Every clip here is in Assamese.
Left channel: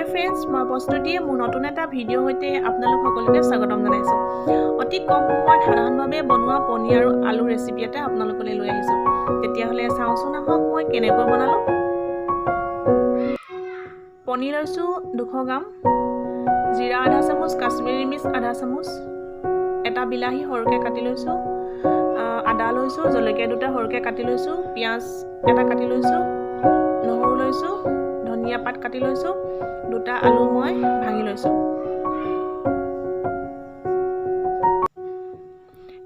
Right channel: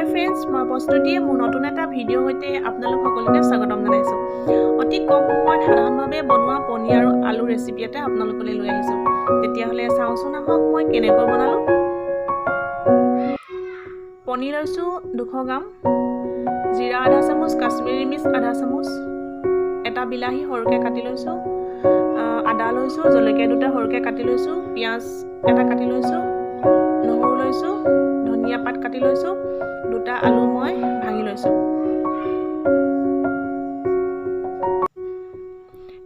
হাই ফ্ৰেণ্ডছ, মই প্ৰস্তুতিয়ে মোৰ নতুন এটা ভিডিঅ' হৈতে আপোনালোক সকলোকে স্বাগতম জনাইছোঁ। অতি কম সময়ত সাধাৰণভাৱে বনোৱা পনীৰ আৰু আলু ৰেচিপি এটা আপোনালোকলৈ লৈ আহিছোঁ। তেতিয়াহ'লে চাওঁচোন আহক মই কেনেকৈ বনালোঁ। পনীৰ লৈছোঁ 200 গ্ৰাম, জিৰা আধা চামুচ, কাশ্মীৰী মিৰ্চ আধা চামুচ, এটা বিলাহী সৰুকৈ কাটি লৈছোঁ, আদা লৈছোঁ, জলকীয়া দুটা সৰুকৈ কাটি লৈছোঁ, পিঁয়াজ এটা কাটি লৈছোঁ, নহৰু লৈছোঁ, ধনিয়া পাত কাটি লৈছোঁ, দুটা আলু মই ভাঙি লৈছোঁ।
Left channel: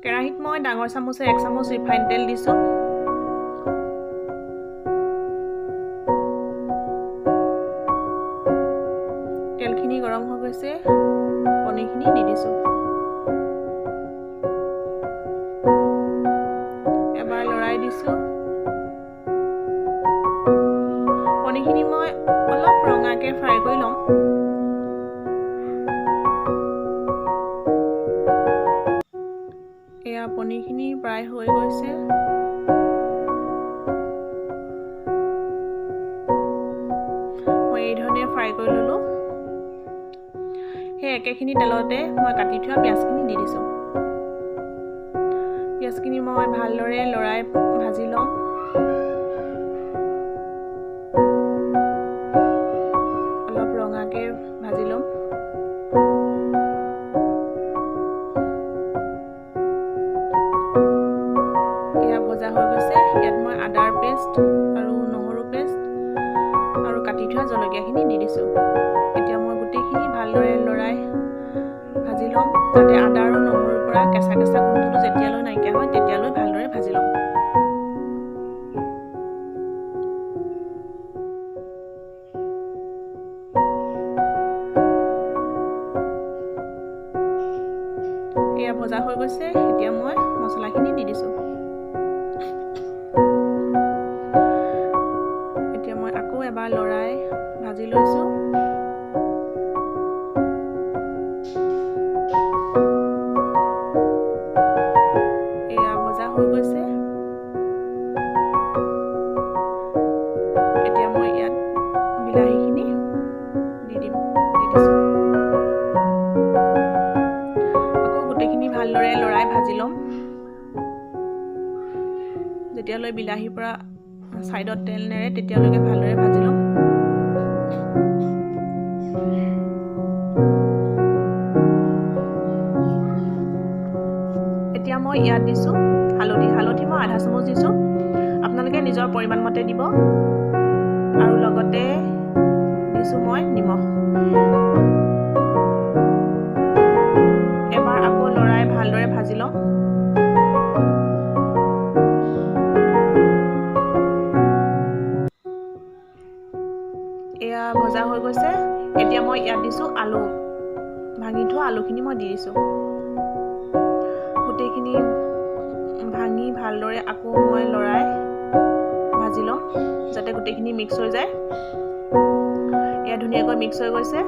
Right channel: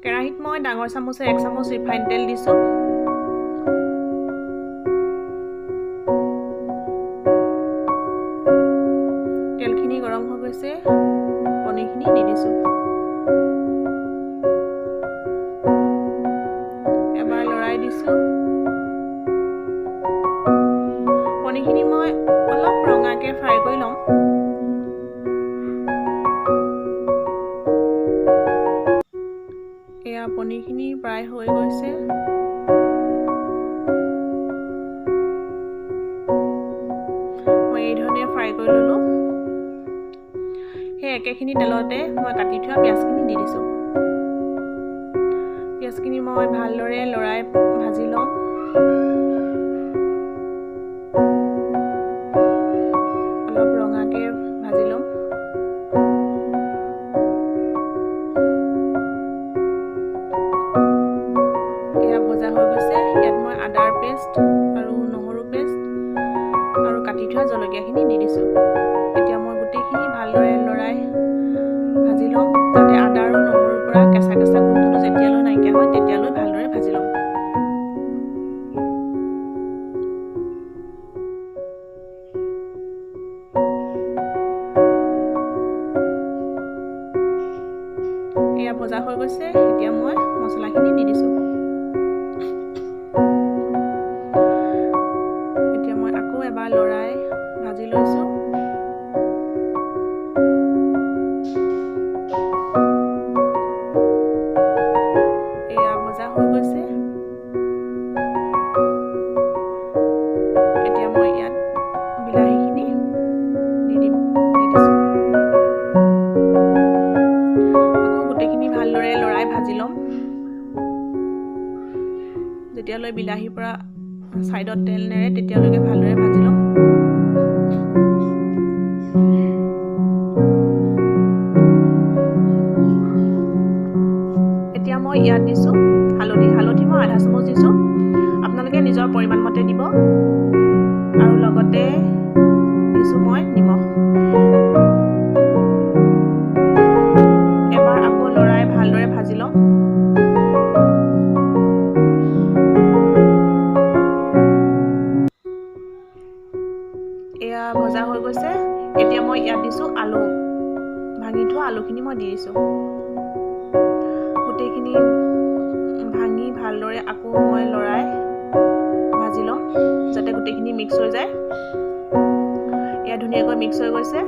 কেৰাহীত মই ডাঙৰ চামুচে 1 চামুচ ৰিফাইন তেল দিছোঁ। তেলখিনি গৰম হৈ গৈছে, পনীৰখিনি দি দিছোঁ। এবাৰ লৰাই দিছোঁ। পনীৰখিনি মই অলপ ৰঙাকৈ ফ্ৰাই কৰি ল'ম। এয়া পনীৰখিনি প্ৰায় হৈ গৈছে। মই এই ধৰণে ফ্ৰাই কৰি ল'লোঁ। সেই একেখিনি তেলতে মই কাটি থোৱা পিঁয়াজখিনি দি দিছোঁ। পিঁয়াজখিনি মই ভালদৰে লৰাই ভাজি ল'ম। অলপ ৰঙাকৈ ভাজি ল'ম। এয়া ভজা হৈ গৈছে। ইয়াত মই আদাৰ পেষ্ট আৰু নহৰু পেষ্ট আৰু কাটি থোৱা জলকীয়াখিনি দি দিছোঁ। এতিয়া মই গোটেইখিনি ভালদৰে লৰাই ভাজি ল'ম, যাতে আদা আৰু নহৰুৰ পৰা কেঁচা কেঁচা গোন্ধটো যেতিয়ালৈ নাইকিয়া হয় তেতিয়ালৈ ভালদৰে ভাজি ল'ম। এয়া ভজা হৈ গৈছে। এতিয়া মই মছলাখিনি দি দিছোঁ। এতিয়া মই আকৌ এবাৰ লৰাই ভাজি লৈছোঁ। এয়া ভজা হৈ গৈছে। এতিয়া মই ইয়াত বিলাহীখিনি দি দিছোঁ। আকৌ গোটেইখিনি ভালদৰে লৰাই ভাজি ল'ম। যেতিয়ালৈ বিলাহীৰ পৰা ছাইডত তেল নেৰে তেতিয়ালৈকে ভালদৰে ভাজি ল'ম। এতিয়া মই ইয়াত দিছোঁ হালধি মই আধা চামুচ দিছোঁ। আপোনালোকে নিজৰ পৰিমাণ মতে দিব। আৰু লগতে দিছোঁ মই নিমখ। এবাৰ আকৌ লৰাই ভালদৰে ভাজি ল'ম। এয়া ভজা হৈ গৈছে। এতিয়া মই ইয়াত দিছোঁ আলু, ভাঙি থোৱা আলুখিনি মই দি দিছোঁ। গোটেইখিনি ভাঙি ভালদৰে আকৌ মই লৰাই ভাজি ল'ম, যাতে গোটেইখিনি মিক্স হৈ যায়। এয়া ধুনীয়াকৈ মিক্স হৈ গৈছে।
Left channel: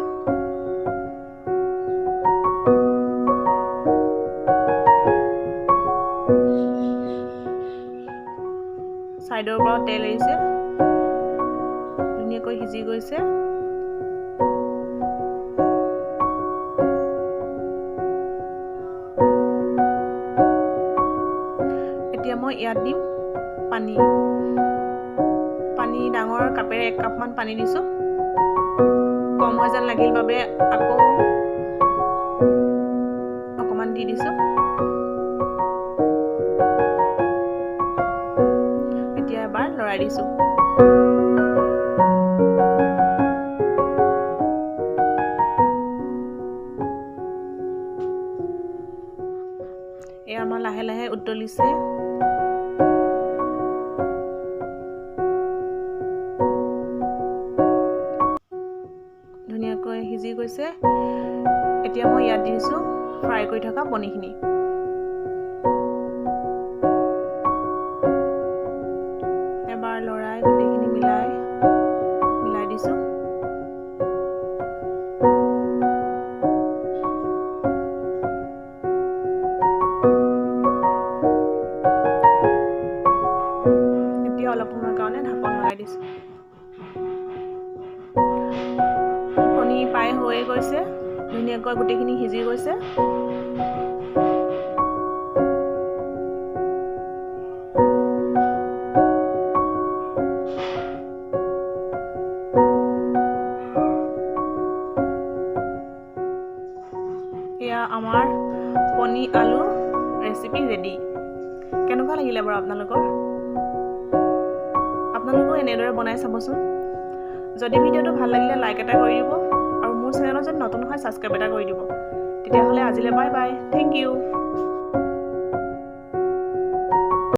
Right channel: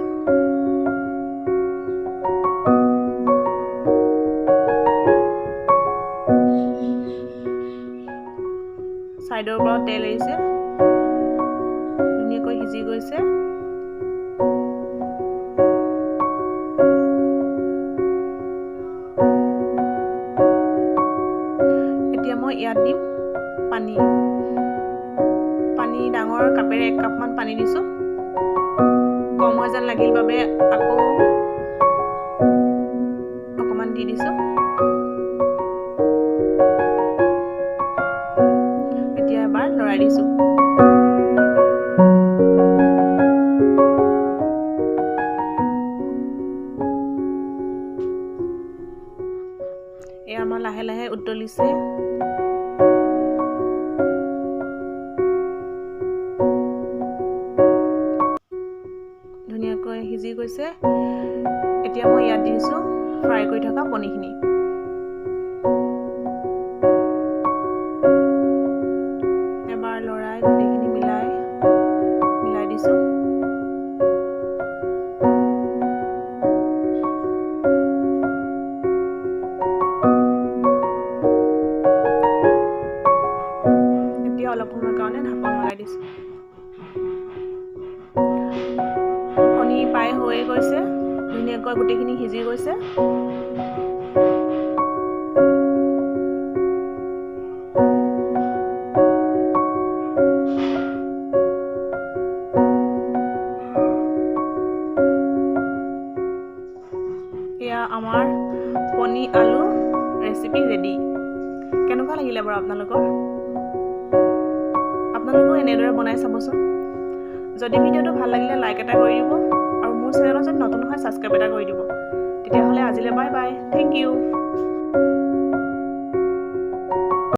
ছাইডৰ পৰা তেল এৰিছে, ধুনীয়াকৈ সিজি গৈছে। এতিয়া মই ইয়াত দিম পানী ডাঙৰ কাপেৰে 1 কাপমান পানী দিছোঁ। কম হৈ যেন লাগিল বাবে আকৌ অকণমান দি দিছোঁ। এতিয়া এবাৰ লৰাই দিছোঁ। এয়া আমাৰ লাহে লাহে উতলিছে। ধুনীয়াকৈ সিজি গৈছে। এতিয়া মই ইয়াত দিছোঁ ফ্ৰাই কৰি থকা পনীৰখিনি। এবাৰ লৰাই গোটেইখিনি মিলাই দিছোঁ। এতিয়া অলপ সময়ৰ কাৰণে ঢাকন লগাই দিছোঁ। পানী পাই হৈ গৈছে ধুনীয়াকৈ গোটেইখিনি সিজি গৈছে এয়া আমাৰ পনীৰ আলু ৰেচিপি ৰেডি কেনেকুৱা লাগিলে বাৰু আপোনালোকেও এনেদৰে বনাই চাবচোন যদি ভিডিঅ'টো ভাল লাগিলে লাইক এটা কৰি দিব আৰু মোৰ চেনেলত যদি নতুন হয় ছাবস্ক্ৰাইব এটা কৰি দিব তেতিয়াহ'লে আজিলৈ বাই বাই থেংক ইউ